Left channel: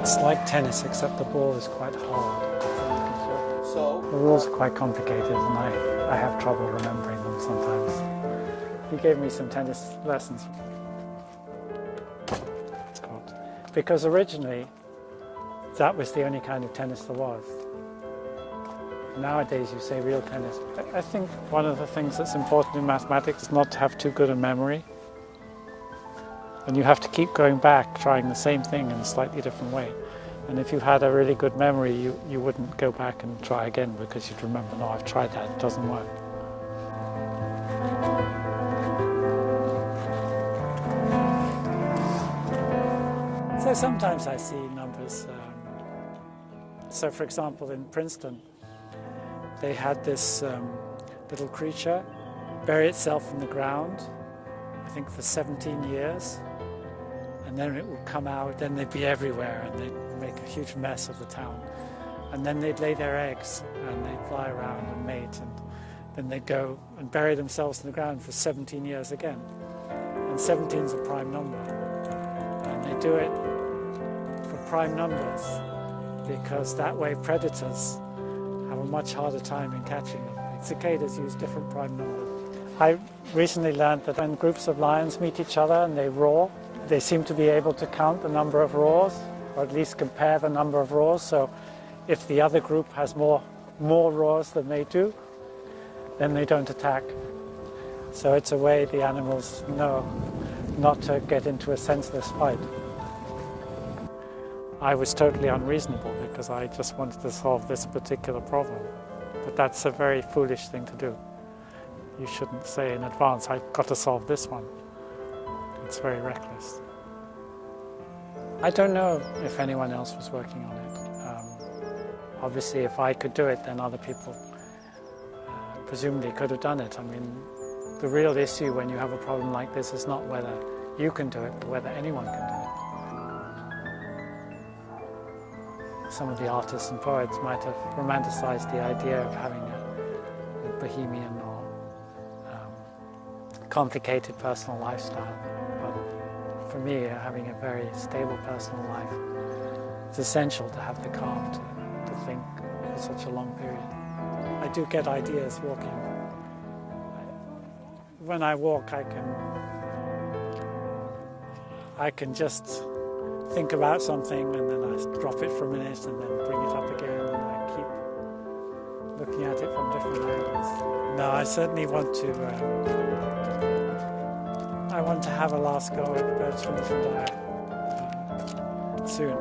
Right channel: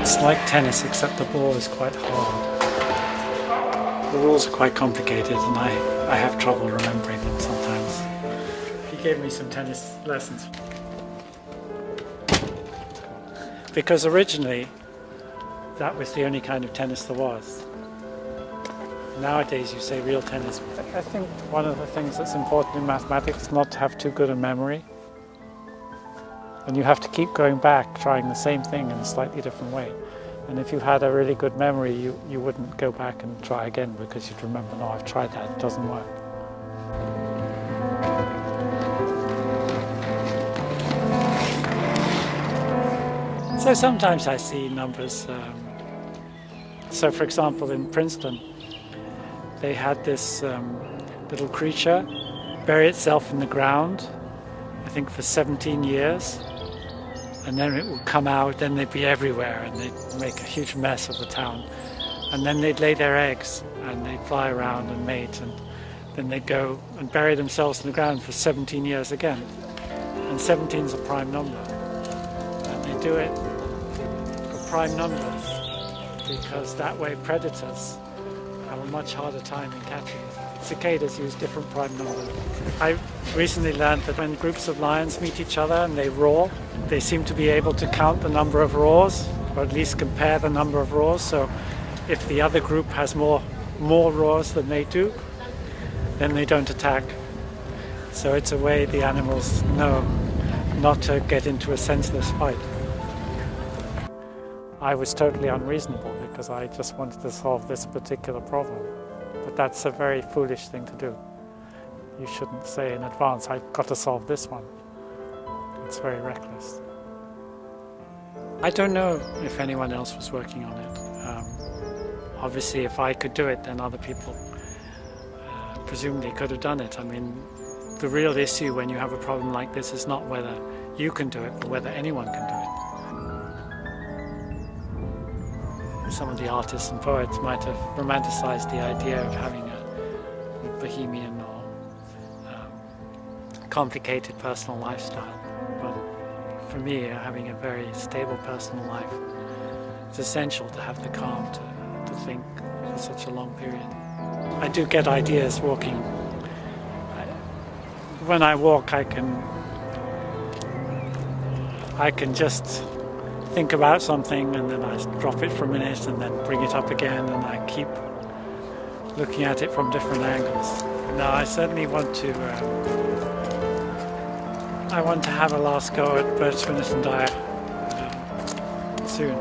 It's like tennis, except the ball is quite hard. The rules are quite complicated and I have trouble remembering them sometimes. He gave me some tennis lessons. Because originally that was the only kind of tennis there was. Nowadays you say real tennis. I think one of the things that's important in mathematics is not to have too good a memory. And you have to keep going back, trying the same thing in a slightly different way. And if you had a really good memory, you wouldn't go back and try again because you'd remember, no, I've tried that, it doesn't work. So sometimes I see numbers. So for example, in Princeton, they had this little creature bury itself in the ground, I think for 17 years. And then it would come out, then they'd be everywhere and they'd make a huge mess of the town. And then they'd lay their eggs and they'd fly around and mate, and then they'd go and bury themselves in the ground for 17 years again. And 17 is a prime number. And they do it for prime numbers because that way predators have a much harder time in catching it. Cicadas use different prime numbers. I recently learned that when groups of lions meet each other and they roar, they seem to be able to count the number of roars, or at least compare the number of roars. So if the other group has more roars than they do, then they don't attack. So it's a way the animals know not to get into a senseless fight. I was totally unreasonable because I just wanted to solve this particular problem. But that's a very foolish thing to do. You shouldn't say in advance, I've got to solve this one. It's very reckless. I don't know if anyone else was working on it. Obviously, if I could do it, then other people presumably could have done it. I mean, the real issue when you have a problem like this is not whether you can do it, but whether anyone can do it. Some of the artists and poets might have romanticized the idea of having a bohemian or complicated personal lifestyle. But for me, having a very stable personal life is essential to have the calm to think for such a long period. I do get ideas walking. When I walk, I can just think about something and then I drop it for a minute and then bring it up again, and I keep looking at it from different angles. Now I certainly want to have a last go at bird, spinners and diet soon.